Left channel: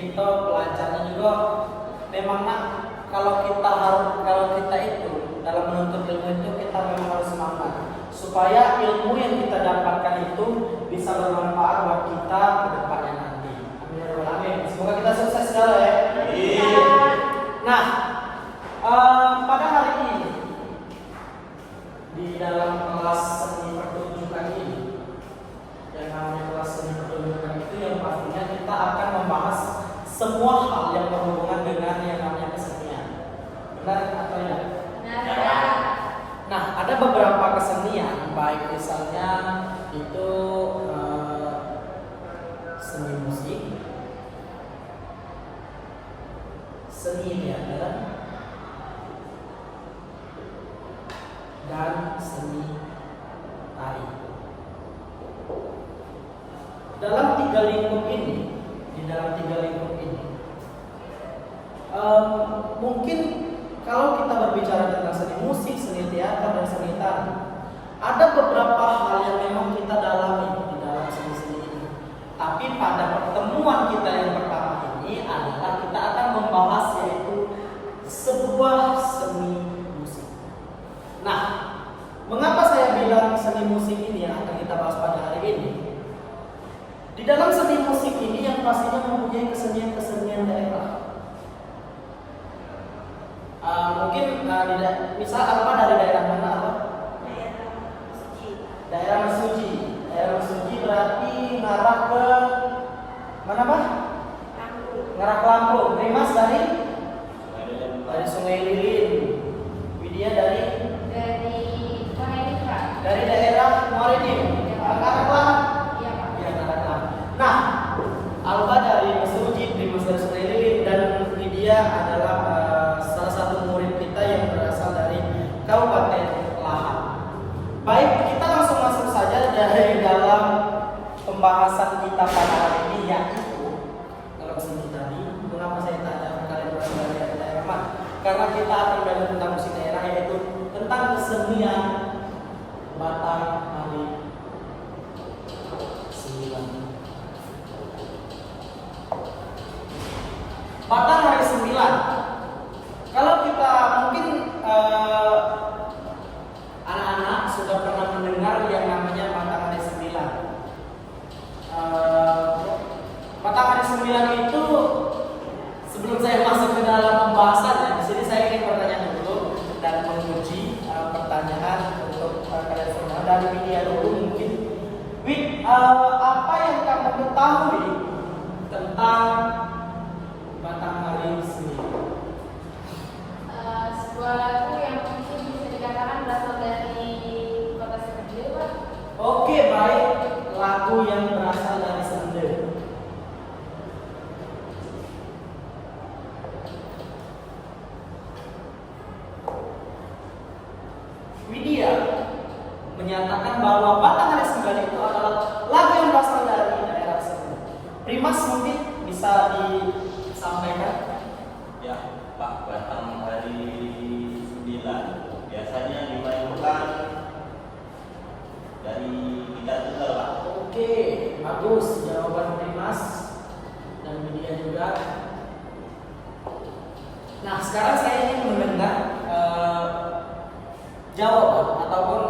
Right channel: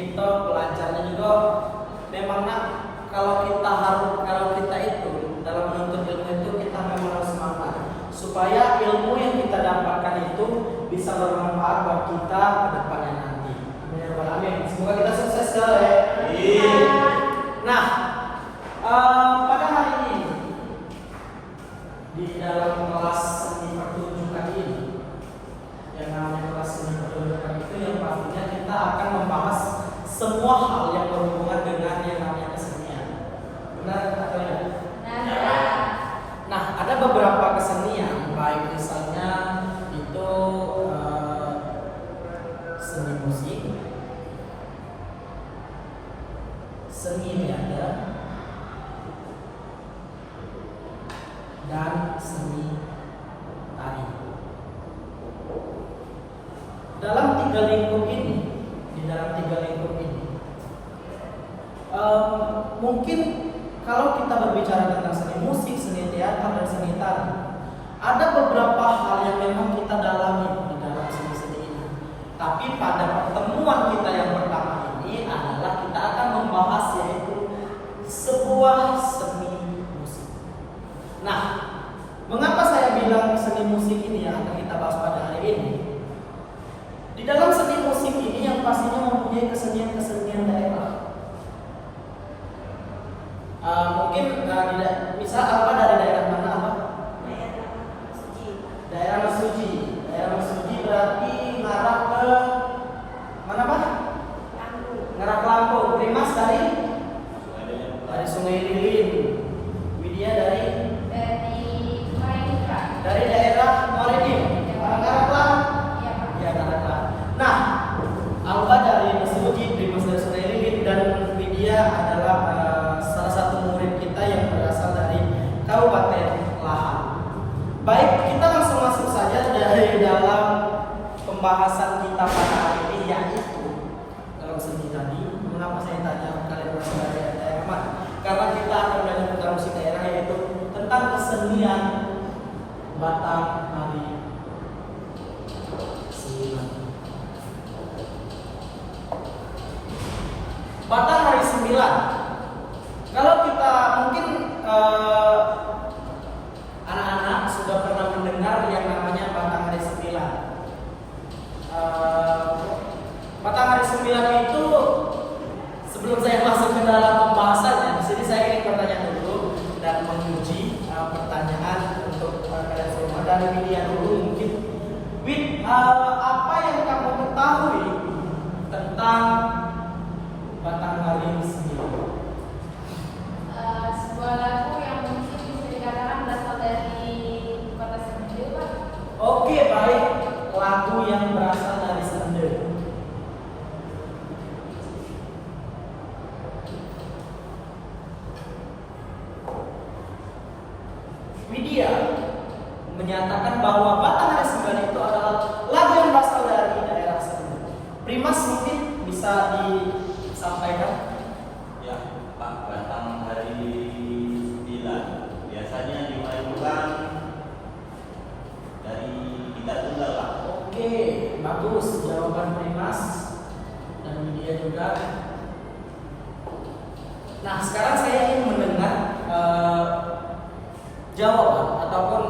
TikTok, pelajaran juga memang kalau kita itu dalam menuntut ilmu itu kita memang harus semangat supaya ilmu yang kita dapatkan itu bisa bermanfaat buat kita ke depannya nanti. Amin. Semoga kita sukses segala ya. Nah, pada hari ini di dalam kelas seni pertunjukan ini, yang namanya kelas seni pertunjukan itu yang pastinya kita akan membahas semua hal yang berhubungan dengan yang namanya kesenian. Benar atau tidak? Nah, ada beberapa kesenian, baik misalnya itu seni musik, seni teater, dan seni tari. Dalam tiga lingkup ini, mungkin kalau kita berbicara tentang seni musik, seni teater, dan seni tari, ada beberapa hal yang memang kita dalami di dalam seni-seni ini. Tapi pada pertemuan kita yang pertama ini adalah kita akan membahas yaitu sebuah seni musik. Nah, mengapa saya bilang seni musik ini yang akan kita bahas pada hari ini? Di dalam seni musik ini yang pastinya mempunyai kesenian-kesenian daerah. Mungkin misal apa dari daerah mana apa? Daerah Mesuji. Daerah Mesuji berarti ngarah ke mana Pak? Ngarah ke Lampung. Primas dari Sungai Lilin. Widya dari daerah Morenim. Ngarah ya ngarah. Nah, Alba dari Mesuji, Primas dari Sungai Lilin, dan Widya adalah salah satu murid kita yang berasal dari Kabupaten Lahat. Baik, kita langsung masuk saja dari dalam pembahasan kita pada hari ini, yaitu dalam seni tadi. Mengapa saya tanya kalian berasal dari daerah mana? Karena kita akan belajar tentang musik daerah, yaitu tentang kesenian Batang Hari 9. Batang Hari 9. Kalau kita mungkin anak-anak sudah pernah mendengar yang namanya Batang Hari 9. Batang Hari 9 itu, sebelum saya masuk ke dalam pembahasannya, di sini saya ingin bertanya dulu dan menguji pertanyaan untuk kalian semua dan media dulu mungkin. Apa yang kamu ketahui tentang Batang Hari 9? Sebuah lagu yang mungkin bisa dikatakan berasal dari kota Sende, Pak. Oke, baik. Lagu yang berasal dari Sende. Widya menyatakan bahwa Batang Hari 9 itu adalah lagu yang berasal dari daerah Sende. Primas mungkin bisa disampaikan? Ya, Pak, Batang Hari 9 biasanya dimainkan dari kita tunggal, Pak. Oke, bagus jawaban Primas dan Widya juga. Nah, sekarang saya ingin mendengar jawaban ataupun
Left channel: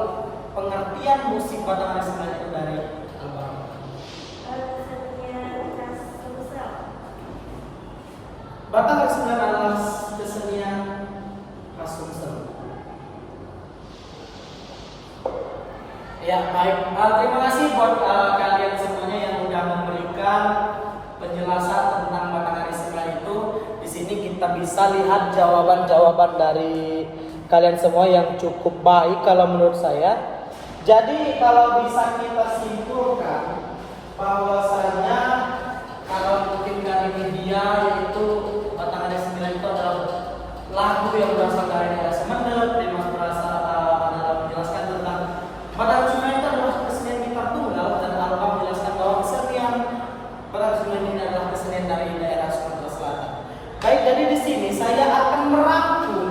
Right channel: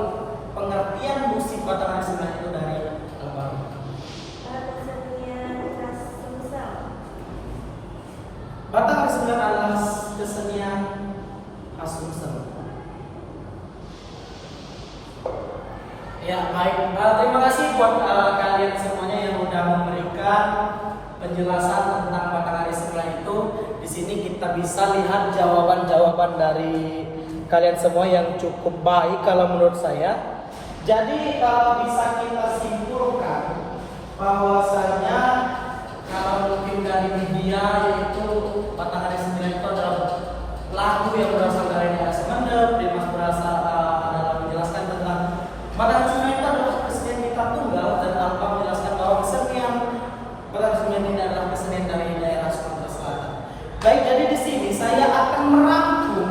pengertian musik Batang Hari 9 itu dari Alba. Batang Hari 9 adalah kesenian khas Sumsel. Ya, baik. Terima kasih buat kalian semuanya yang sudah memberikan penjelasan tentang Batang Hari 9 itu. Di sini kita bisa lihat jawaban-jawaban dari kalian semua yang cukup baik kalau menurut saya. Jadi bisa kita simpulkan bahwasanya kalau mungkin dari media itu Batang Hari 9 itu adalah lagu yang berasal dari daerah Semender. Primas berasal adalah menjelaskan tentang Batang Hari 9 itu adalah kesenian kita tunggal, dan Alba menjelaskan bahwa kesenian Batang Hari 9 ini adalah kesenian dari daerah Sumatera Selatan. Baik, jadi di sini saya akan merangkum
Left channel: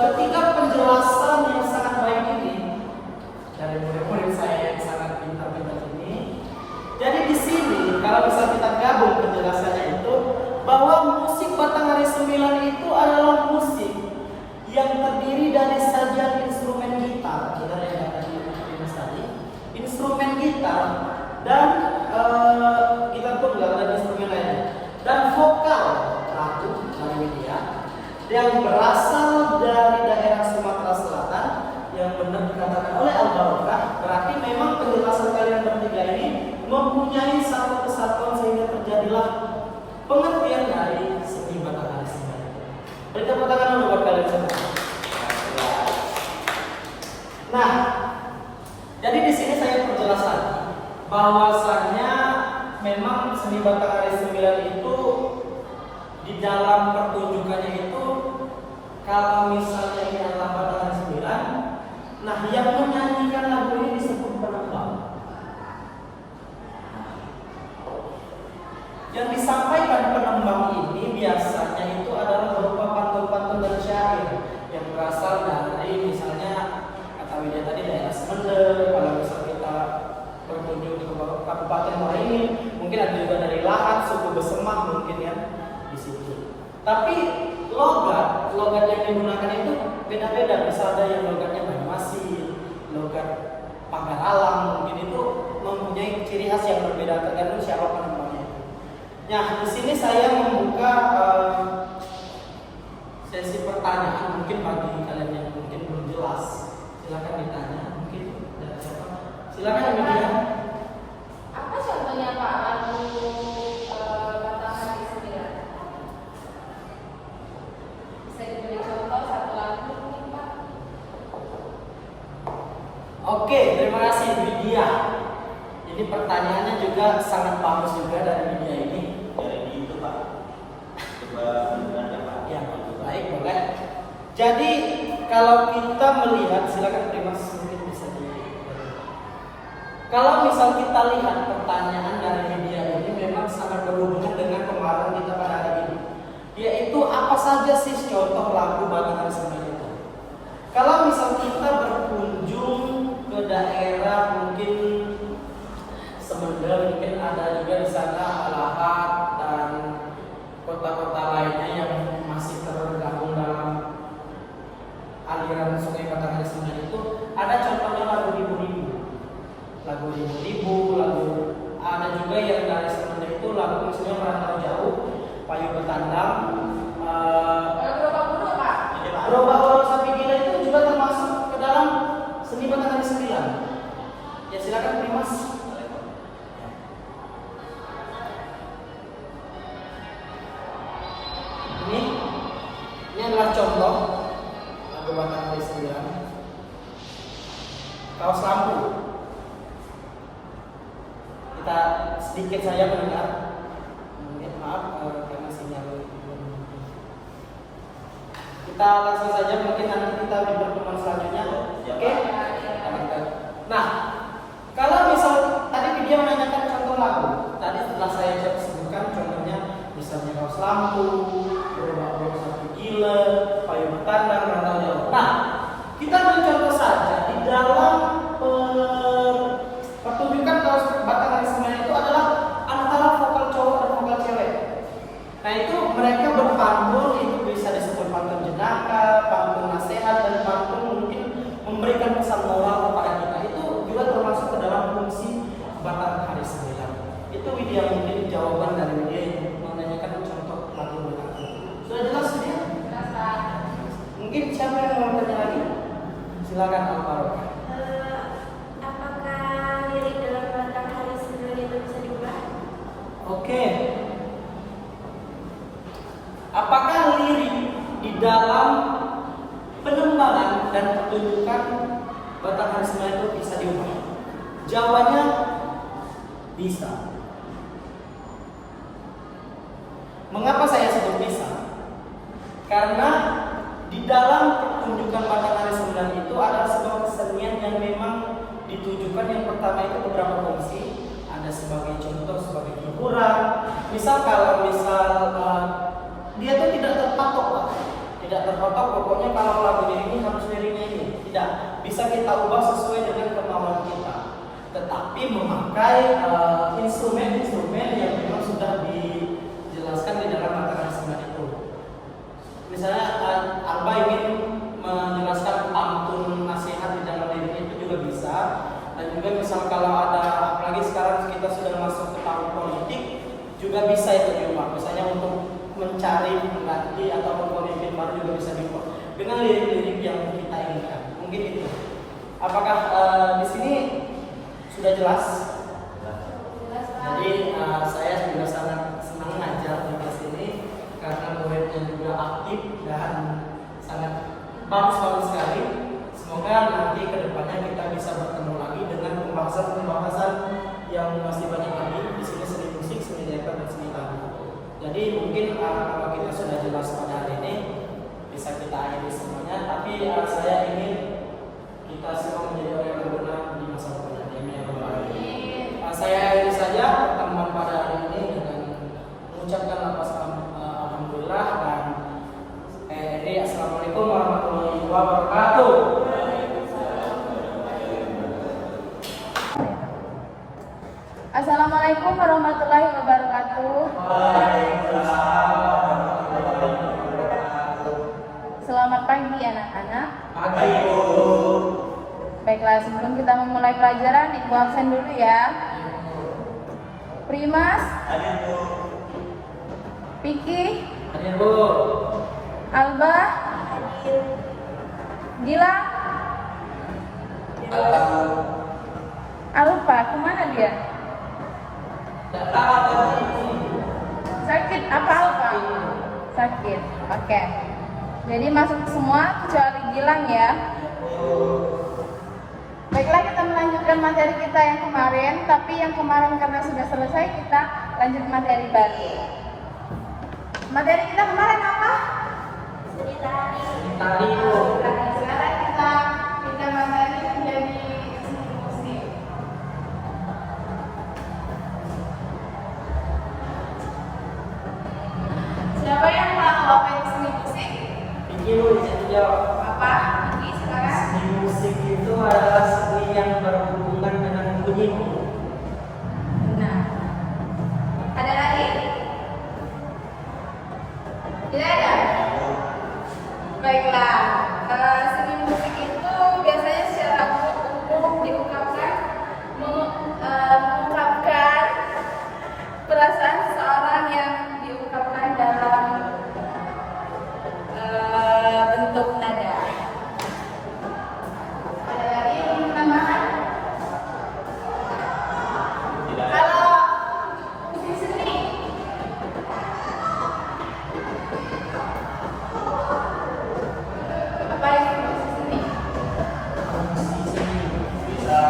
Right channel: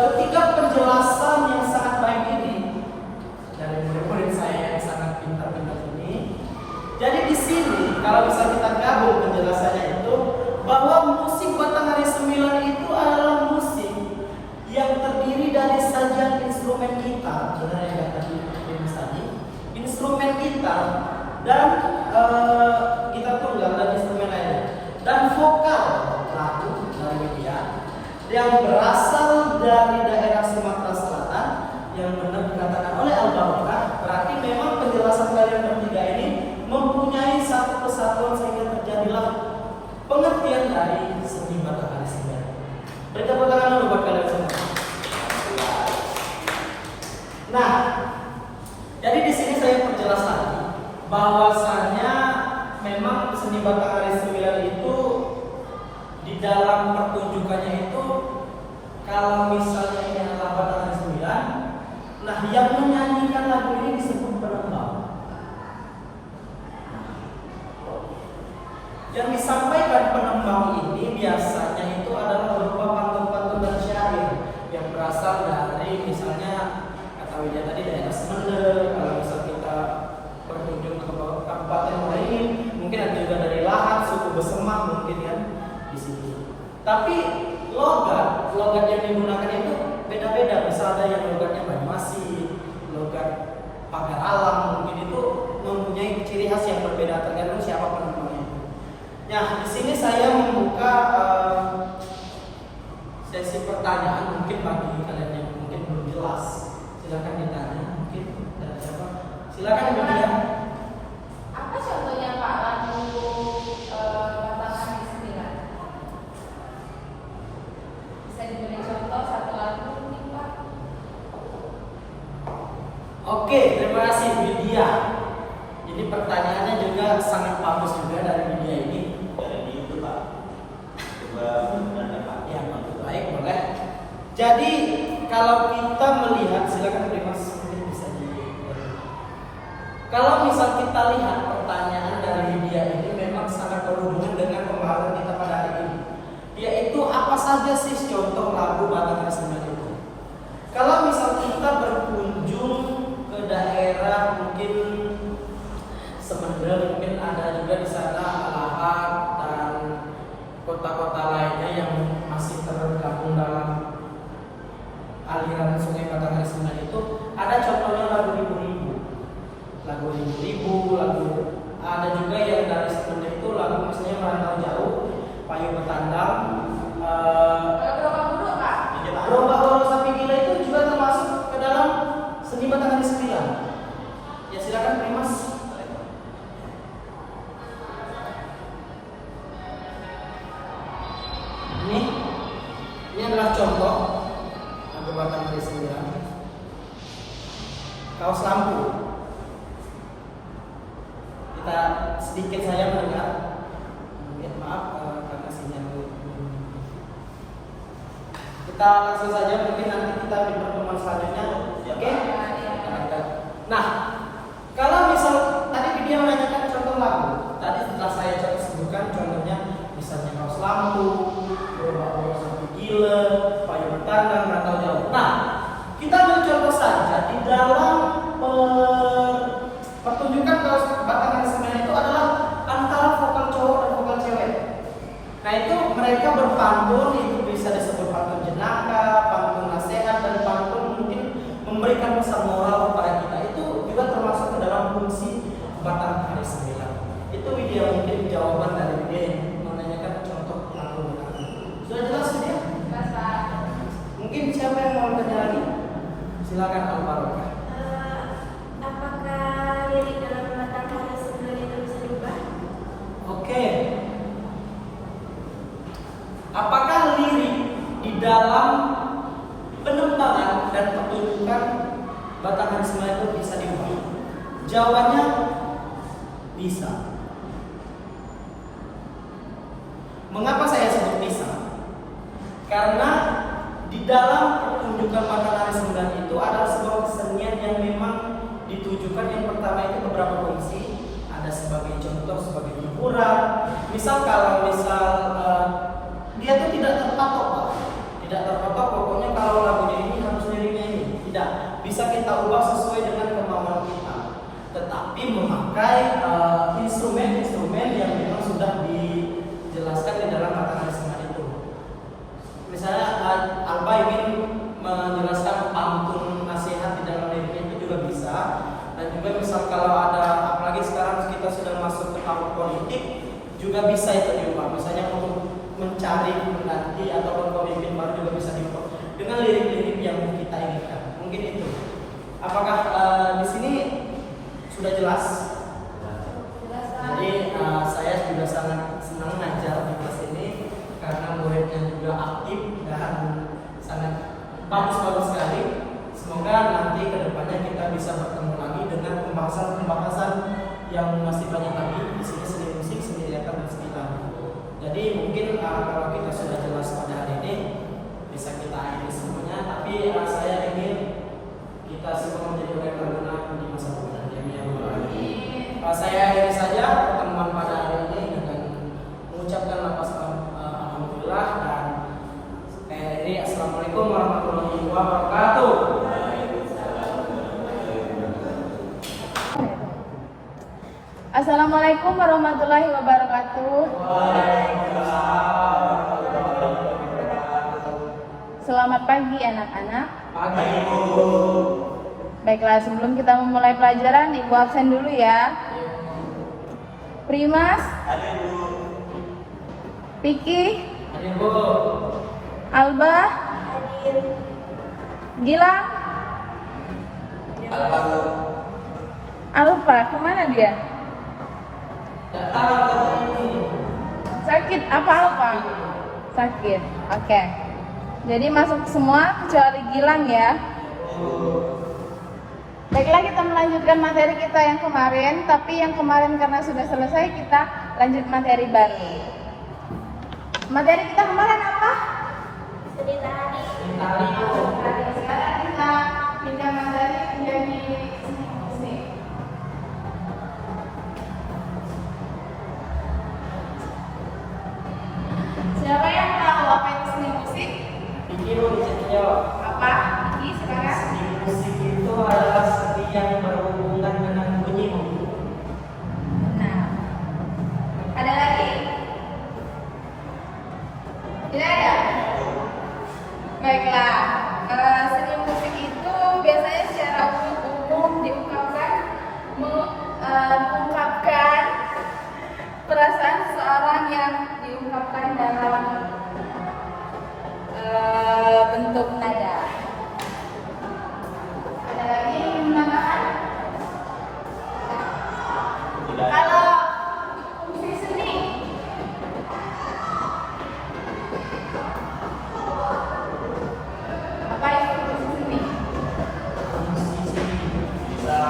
ketiga penjelasan yang sangat baik ini dari murid-murid saya yang sangat pintar-pintar ini. Jadi di sini kalau bisa kita gabung penjelasan instrumen gitar dan gitar tunggal dan instrumen lainnya dan vokal lagu dari media yang berasal dari daerah Sumatera Selatan yang benar dikatakan oleh Al-Barokah. Berarti memang penjelasan kalian bertiga ini mempunyai satu kesatuan sehingga terjadilah pengertian dari seni Batangan Seni. Beri tepuk tangan dulu buat kalian semua. Nah, jadi di sini saya perjelas lagi bahwasanya memang seni Batangan Seni itu di dalam pertunjukannya itu kalau misalnya ini adalah Batangan 9, nah yang menyanyikan lagu ini disebut penembang. Yang disampaikan penembang ini biasanya itu adalah berupa pantun-pantun dan syair yang berasal dari misalnya kata Widya tadi daerah Semende. Kalau misal kita berkunjung ke kabupaten lain, mungkin ada juga dari Lahat, suku Besemah mungkin kan di situ. Tapi logat yang digunakan itu beda-beda. Bisa ada yang logatnya Banyuasin, logat Pagar Alam, mungkin itu mempunyai ciri khas yang berbeda tergantung siapa penembangnya. Nah, di sini saya membuka sesi pertanyaan mungkin bagi kalian yang mungkin belum jelas. Silakan ditanya mungkin dari siapa. Silakan Widya. Apa contohnya Pak untuk Batangan di 9? Bisa diberi contoh satu lagu mungkin Pak? Oke, terima kasih Widya. Ini pertanyaannya juga sangat bagus juga dari Widya ini. Jadi itu Pak. Coba ada Pak. Ya, baik, boleh. Jadi kalau kita melihat, silakan Primas mungkin bisa di. Kalau misal kita lihat pertanyaan dari Widya ini memang sangat berhubungan dengan pembahasan kita pada hari ini, yaitu apa saja sih contoh lagu Batangan Seni itu. Kalau misal kita berkunjung ke daerah mungkin Semende, mungkin ada juga di sana Lahat dan kota-kota lainnya yang masih tergabung dalam aliran Sungai Batangan Seni itu. Ada contohnya lagu Ribu-Ribu, lagu ada juga yang dari Semende itu lagu maksudnya Merantau Jauh, Payung Betandang, Lagu apa dulu Pak? Lomba Baru Sapi Gila itu juga termasuk ke dalam seni Batangan Seni. Ya silakan Primas. Ini adalah contoh lagu Batangan Seni. Kaos lampu. Kita sedikit saja mendengar. Mungkin maaf karena sinyal. Kita langsung saja, mungkin nanti kita di pertemuan selanjutnya. Oke? Nah, kalau misal tadi dia menanyakan contoh lagu, tadi setelah saya sebutkan contohnya misalnya Kaos Lampu, Lomba Sapi Gila, Payung Betandang, Merantau Jauh. Nah, kita ambil contoh saja di dalam pertunjukan Kaos Batangan Seni itu adalah antara vokal cowok dan vokal cewek. Nah itu mereka berpantun, itu bisa disebut pantun jenaka, pantun nasihat, dan pantun mungkin memberikan pesan moral kepada kita. Itu juga termasuk ke dalam fungsi Batangan Seni. Itu Widya mungkin jawaban dari Widya yang menanyakan contoh lagu lagu. Sudah jelas Widya? Mungkin siapa yang mau bertanya lagi? Silakan Al-Barokah. Apakah lirik dalam Batangan Seni itu bisa diubah? Oke. Apakah lirik di dalam penembangan dan pertunjukan Batangan Seni itu bisa diubah? Jawabannya bisa. Mengapa saya sebut bisa? Karena di dalam pertunjukan Batangan Seni itu adalah sebuah kesenian yang memang ditujukan. Yang pertama itu beberapa fungsi. Ada sebagai contoh, sebagai hiburan. Misal kalau dia itu tidak terpatok, pokoknya kalau lagunya ini harus liriknya ini. Tidak, bisa kita ubah sesuai dengan kemauan kita. Tetapi memakai instrumen-instrumen yang memang sudah dijelaskan di dalam Batangan Seni itu. Misalnya Alba ingin menjelaskan pantun nasihat di dalam liriknya itu juga bisa. Dan juga misal kalau juga bisa itu diubah. Misalnya untuk mencari pengganti atau pemimpin baru juga bisa diubah dengan lirik-lirik yang kita inginkan. Mungkin itu. Apakah di sini sudah jelas? Jadi saya juga sangat senang ngajar di kelas ini karena muridnya juga aktif dan sangat bagus sekali. Semoga nanti kedepannya kita bisa bertemu lagi dengan pembahasan yang masih banyak lagi. Di sini seni musik, seni teater, dan seni tari. Jadi mungkin kalau kita sudah jelas pada hari ini bisa kita akhiri semuanya. Tapi saya ingin kita semua menjadi orang yang berguna di masa depan. Saya akhiri saja pertemuan pada hari ini dengan mengucapkan alhamdulillah dan assalamualaikum warahmatullahi wabarakatuh. Assalamualaikum warahmatullahi wabarakatuh. Selamat pagi anak-anak. Pagi. Baiklah, sebelum kita memulai pelajaran, Ibu absen dulu ya. Primas, Ada Bu. Piki, Hadir Bu. Alba, Gilang, Alfa, kemana dia? Sakit apa Alfa? Sakit, oke. Jadi masuk semua kecuali Gilang ya. Baiklah, kita melanjutkan materi kita yang kemarin, tapi yang kemarin karena sudah selesai kita lanjut materi baru. Materi kita kemarin apa? Cerita. Tadi Bu. Sekarang kita pindah materi menjadi musik. Siapa yang tahu apa itu seni musik? Pikir Bu bisa dijawab. Apa? Ini sekarang? Seni musik itu adalah seni yang berhubungan dengan bunyi. Nah, ada lagi? Tidak ada? Baiklah, seni musik itu biasanya secara umum diungkapkan mengungkapkan perasaan seseorang yang diungkapkan dalam bentuk nada. Ada lagi yang menambahkan? Tidak. Kalau musik seni, apa itu musik seni? Bisa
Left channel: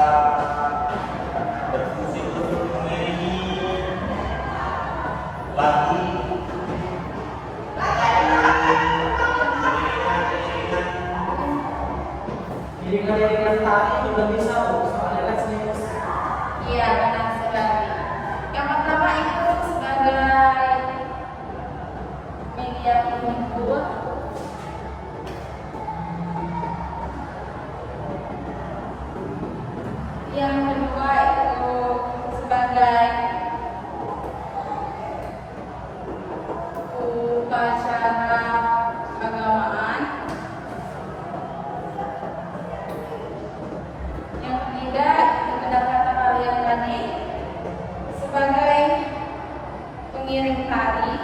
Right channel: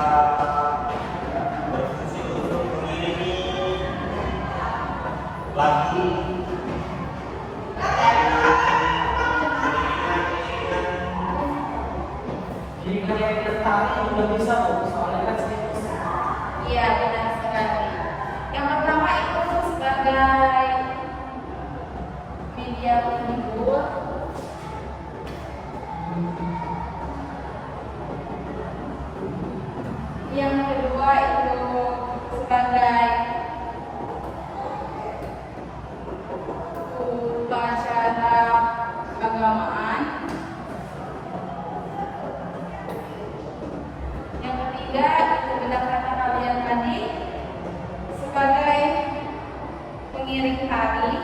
berfungsi untuk mengiringi lagu. Jadi kalian tadi udah bisa Bu, soalnya kan seni musik. Iya, benar sekali. Yang pertama itu sebagai media penghibur. Yang kedua itu sebagai upacara keagamaan. Yang ketiga itu benar kata kalian tadi sebagai pengiring tari.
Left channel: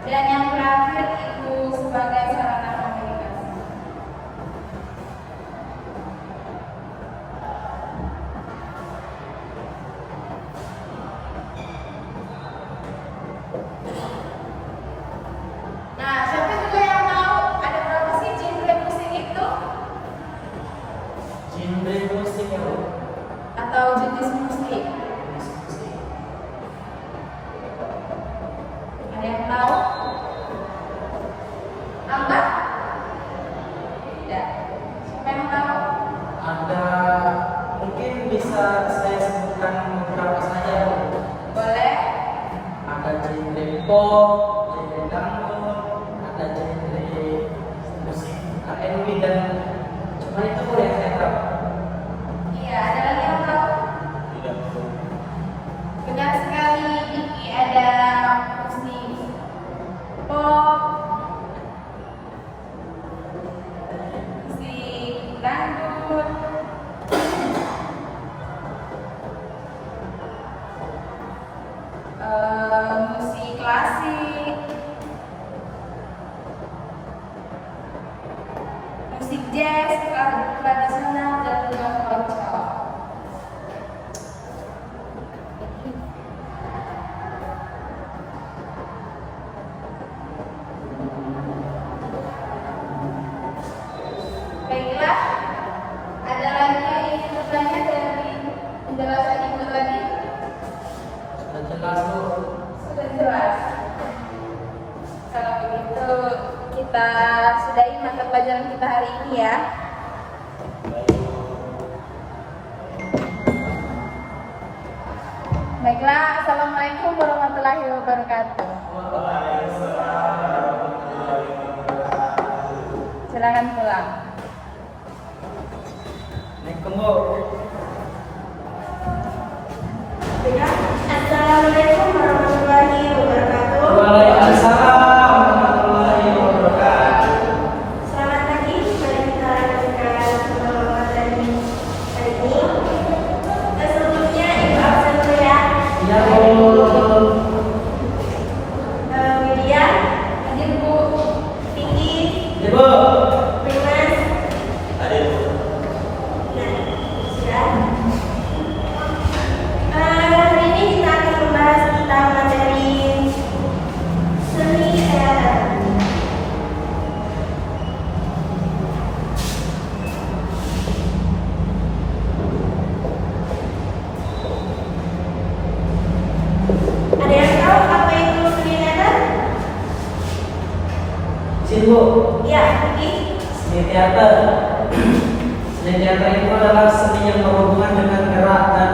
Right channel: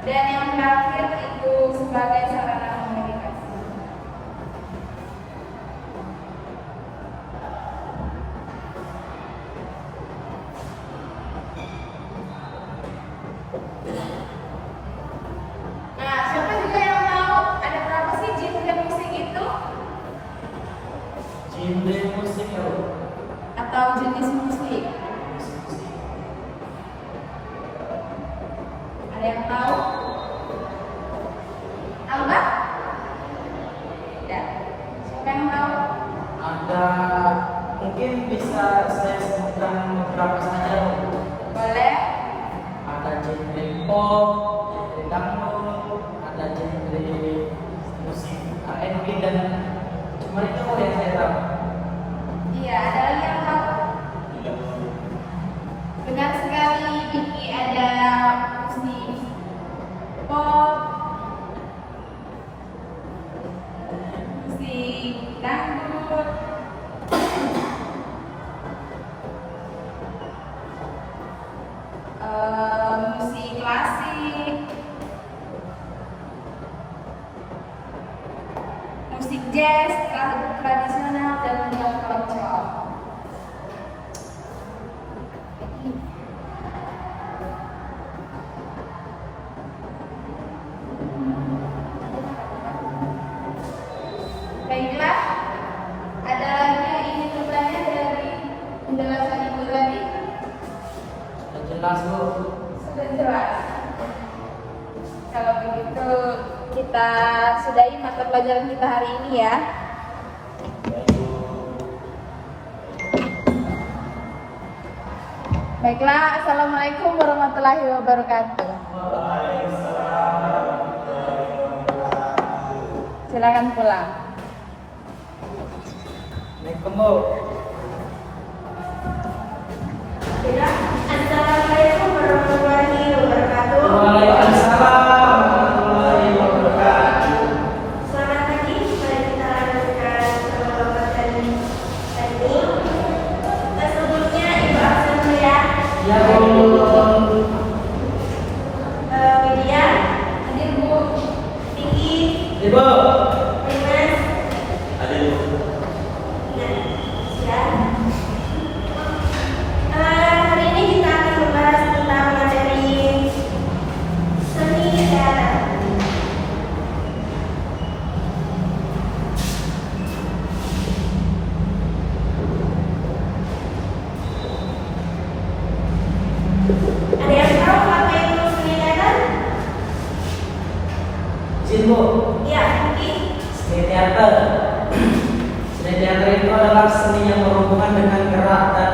Dan yang terakhir itu sebagai sarana komunikasi. Nah, siapa juga yang tahu ada berapa sih genre musik itu? Genre musik ya Bu. Atau jenis musik? Ada yang tahu? Alba? Tidak. Siapa yang tahu? Ada mungkin bisa saya sebutkan beberapa saja Bu. Boleh? Ada genre pop, genre dangdut, ada genre musik R&B dan cuma itu yang saya tahu. Iya, ada lagi yang tahu? Tidak perlu. Benar sekali, ini ada musik pop, musik tradisional dan juga komersial. Baiklah, ada lagi yang ingin bertanya dari penjelasan Ibu tadi? Sudah jelas Bu. Sudah jelas. Kalau begitu kita sudahi mata pelajaran kita hari ini ya. Baiklah, assalamualaikum warahmatullahi wabarakatuh. Silakan pulang. Assalamualaikum Bu. Sudah. Assalamualaikum warahmatullahi wabarakatuh. Waalaikumsalam warahmatullahi wabarakatuh. Selamat pagi. Mari kita lanjutkan materi ini. Sebelumnya Ibu absen dulu ya. Ya Bu. Widya, Hadir Bu. Vicky, Ibu. Primas. Tadi Nah, sudah. Hari ini kita akan membahas tentang materi seni teater. Ada yang tahu apa itu seni teater? Sini Bu. Ya, Vicky. Seni teater. Seni teater itu adalah seni yang berhubungan dengan gerak dan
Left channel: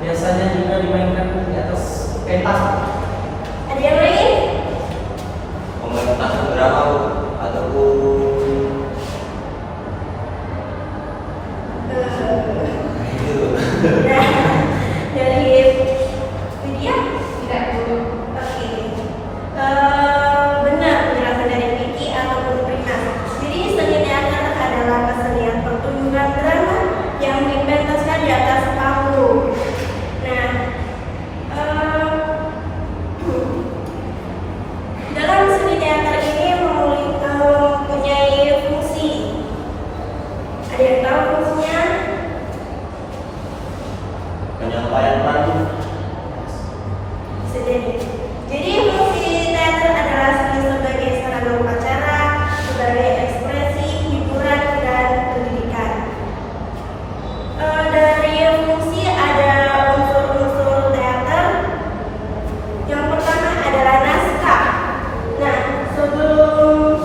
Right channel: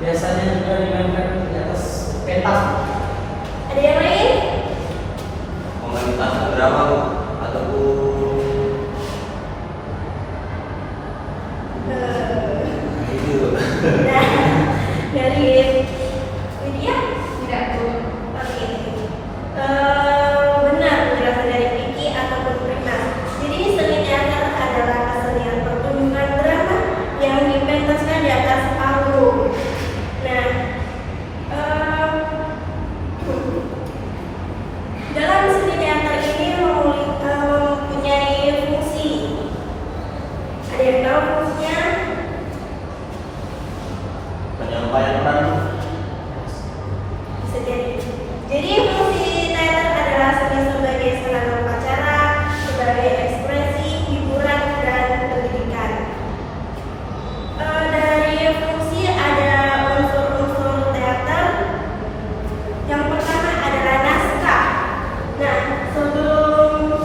biasanya juga dimainkan di atas pentas. Ada yang lain? pementasan drama ataupun itu. Nah, dari Widya? Tidak Bu. Oke. Benar penjelasan dari Vicky ataupun Primas. Jadi seni teater adalah kesenian pertunjukan drama yang dipentaskan di atas panggung. Nah, dalam seni teater ini mempunyai fungsi. Ada yang tahu fungsinya? Penyampaian peran Bisa jadi fungsi teater adalah seni sebagai sarana upacara, sebagai ekspresi, hiburan, dan pendidikan. Dari fungsi ada unsur-unsur teater. Yang pertama adalah naskah. Nah, sebelum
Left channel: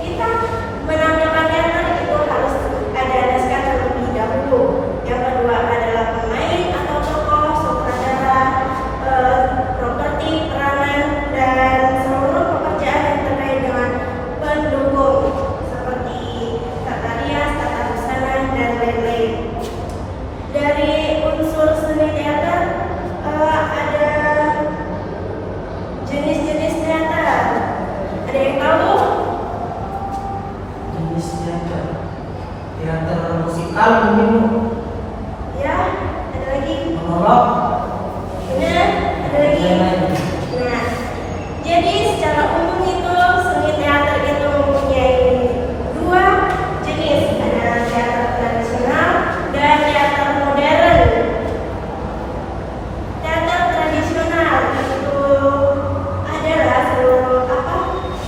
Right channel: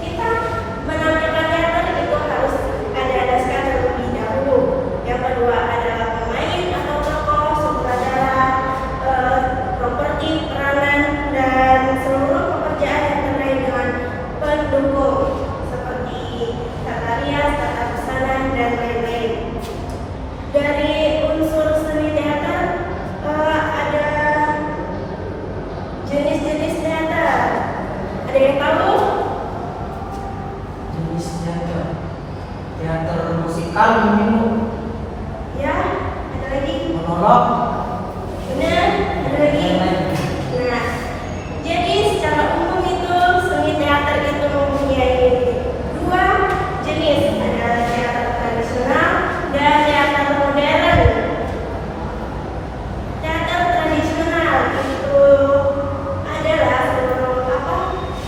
kita menampilkan teater itu harus ada naskah terlebih dahulu. Yang kedua adalah pemain atau tokoh, sutradara, properti, peranan, dan seluruh pekerjaan yang terkait dengan pendukung seperti tata rias, tata busana, dan lain-lain. Dari unsur seni teater ada jenis-jenis teater. Ada yang tahu? Jenis teater. Teater musikal mungkin Bu. Ya, ada lagi. Monolog. Benar, ada lagi. Nah, jadi secara umum itu seni teater itu mempunyai dua jenis, ada teater tradisional dan teater modern. Teater tradisional itu adalah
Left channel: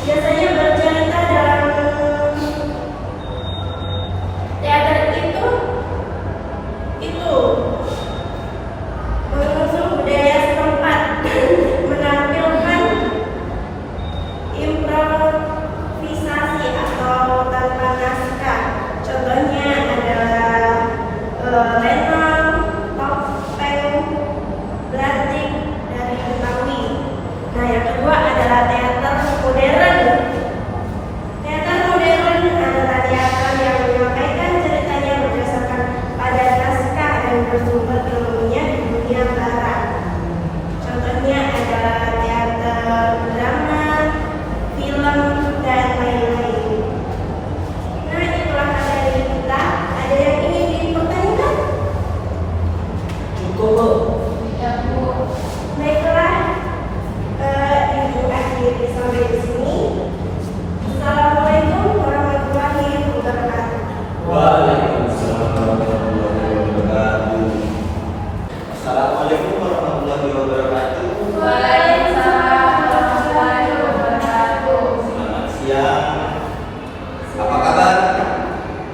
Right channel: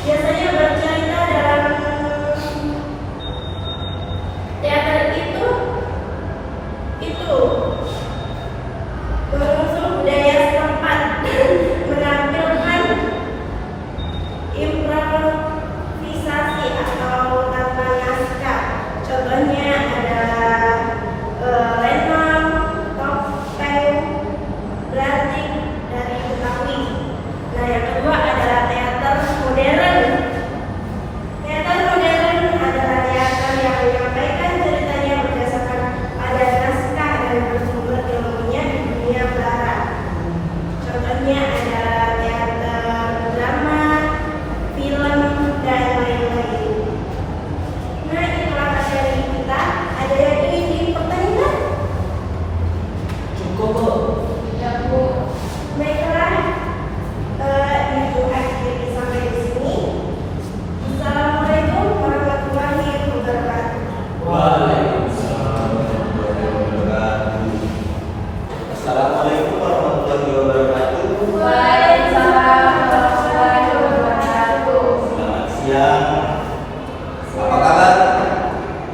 biasanya bercerita dalam teater itu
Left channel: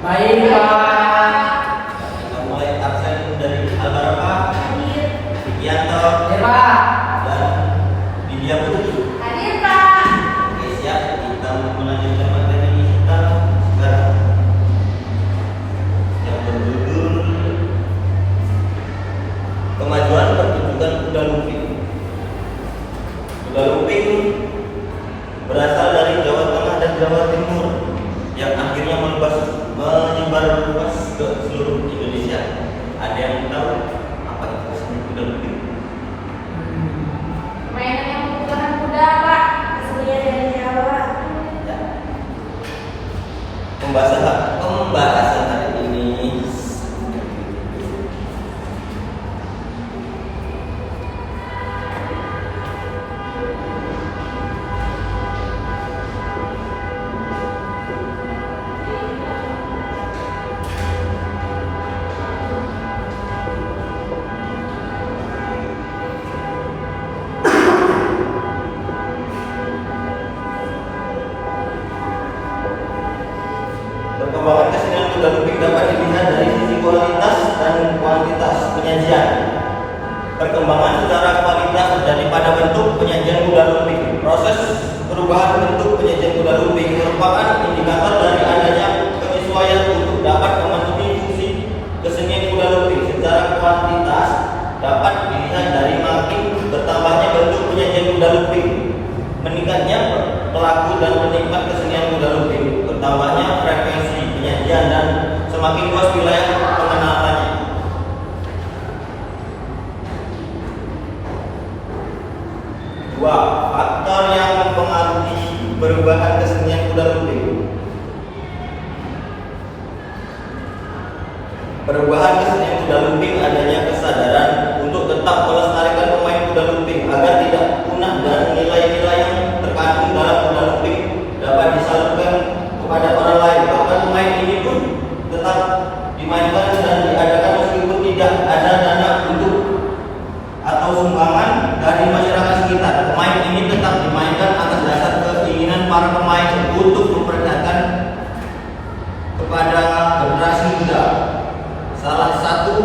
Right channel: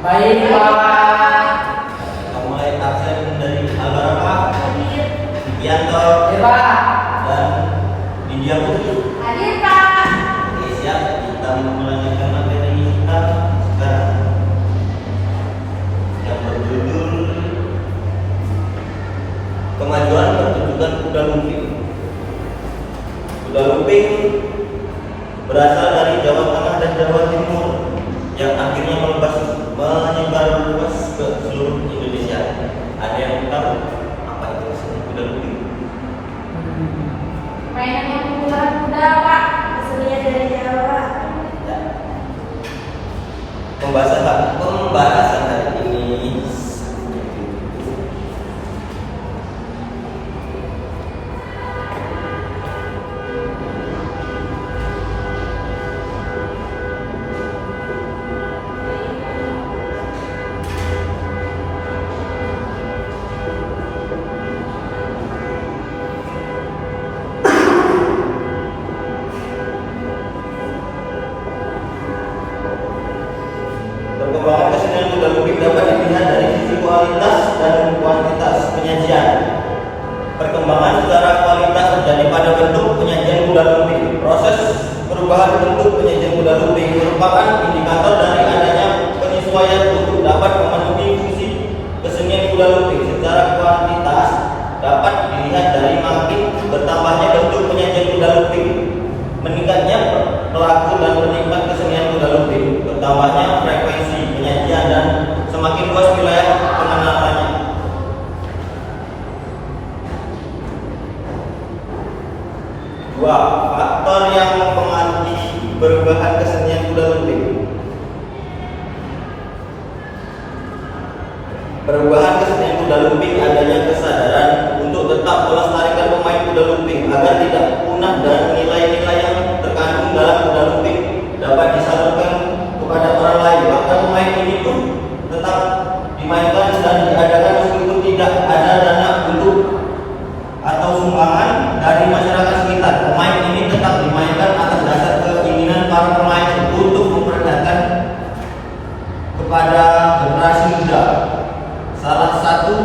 Baik Pak. Kita mulai absen dari Albaraka, Widianto, Hadir Pak. dan Widya Putri. Hadir Kak. Oke, siap. Kita melanjutkan materi kita sekarang yang berjudul Kemajuan Pertunjukan Kuda Lumping. Kuda lumping berasal dari Jawa Tengah dan Jawa Timur yang akhirnya menyebar luas ke seluruh Indonesia. Ada yang tahu apa itu seni kuda lumping? Mainan yang menggunakan kuda Pak. Asalnya dari Jawa. Ya. Pembahasan hari ini perkembangan kesenian kuda lumping dapat dilihat dari sisi kualitas dan kuantitas penyajian. Perkembangan secara kualitas terjadi pada bentuk penyajian kuda lumping. Proses perubahan bentuk penyajian kuda lumping merupakan indikator dari adanya penyesuaian untuk dapat memenuhi fungsi kesenian kuda lumping. Secara kuantitas dapat dilihat dari makin bertambahnya bentuk penyajian kuda lumping, meningkatnya pelaku dan penikmat kesenian kuda lumping, bertambahnya frekuensi penyajian dan semakin luas wilayah pengenalannya. Dua, faktor yang mempengaruhi perubahan kesenian kuda lumping. Perubahan kesenian kuda lumping adanya kesadaran untuk tetap melestarikan pemain kuda lumping agar tidak punah dan nilai-nilai yang terkandung dalam kuda lumping dapat disalurkan kepada orang lain. Maka pemain ini pun tetap dimainkan dan diadakan meskipun tidak ada dana untuk atau sumbangan dari masyarakat sekitar. Pemain ini tetap dimainkan atas dasar keinginan para pemain untuk memperlihatkan kepada generasi muda. Salah satu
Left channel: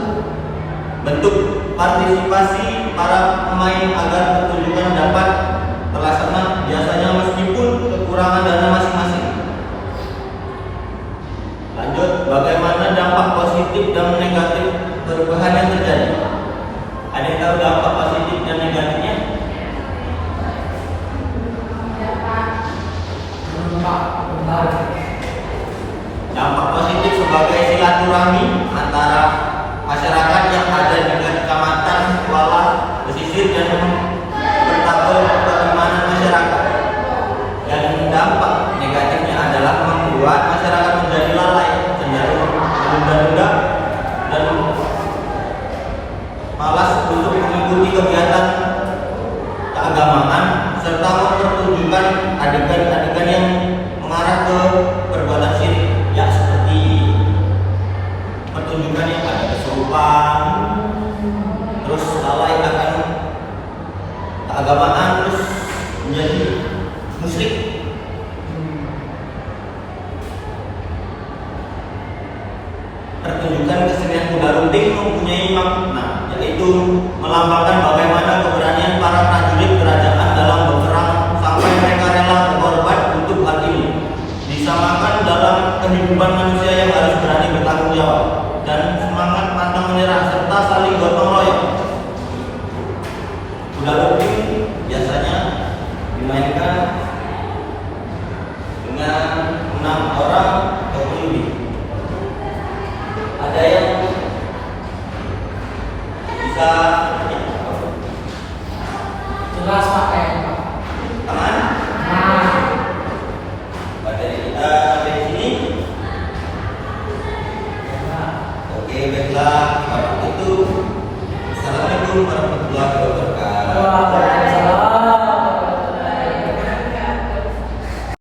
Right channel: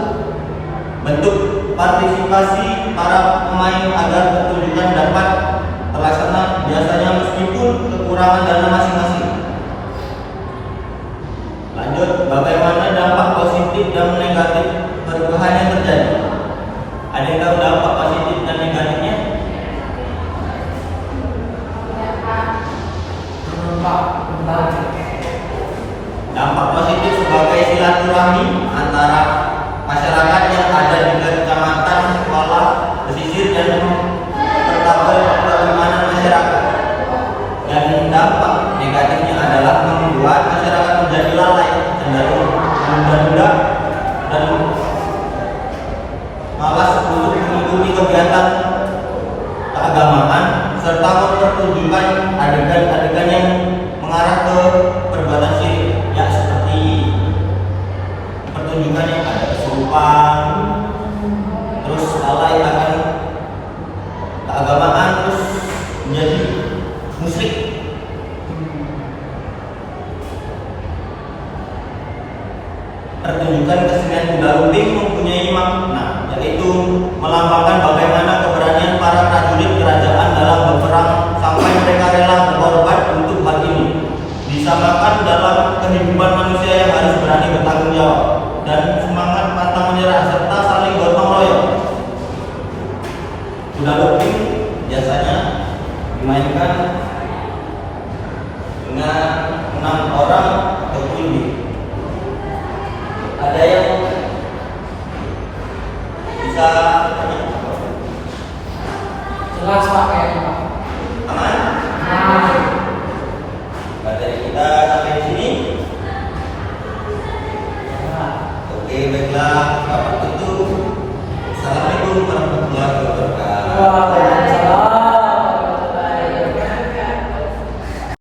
bentuk partisipasi para pemain agar pertunjukan dapat terlaksana biasanya meskipun kekurangan dana masing-masing. Lanjut, bagaimana dampak positif dan negatif perubahan yang terjadi? Ada yang tahu dampak positif dan negatifnya? Pak, bentar. Dampak positif sebagai silaturahmi antara masyarakat yang ada di kecamatan, sekolah, pesisir dan bertabur pertemanan masyarakat. Dan dampak negatifnya adalah membuat masyarakat menjadi lalai, cenderung menunda-nunda dan malas untuk mengikuti kegiatan keagamaan serta mempertunjukkan adegan-adegan yang mengarah ke perbuatan syirik, ya seperti pertunjukan yang ada kesurupan, terus lalai akan keagamaan, terus menjadi musyrik. Pertunjukan kesenian kuda lumping mempunyai makna, yaitu melambangkan bagaimana keberanian para prajurit kerajaan dalam berperang sampai mereka rela berkorban untuk hal ini. Disamakan dalam kehidupan manusia yang harus berani bertanggung jawab dan semangat pantang menyerah serta saling gotong royong. Kuda lumping biasanya dimainkan dengan 6 orang atau lebih. Ada yang bisa Jelas Pak ya.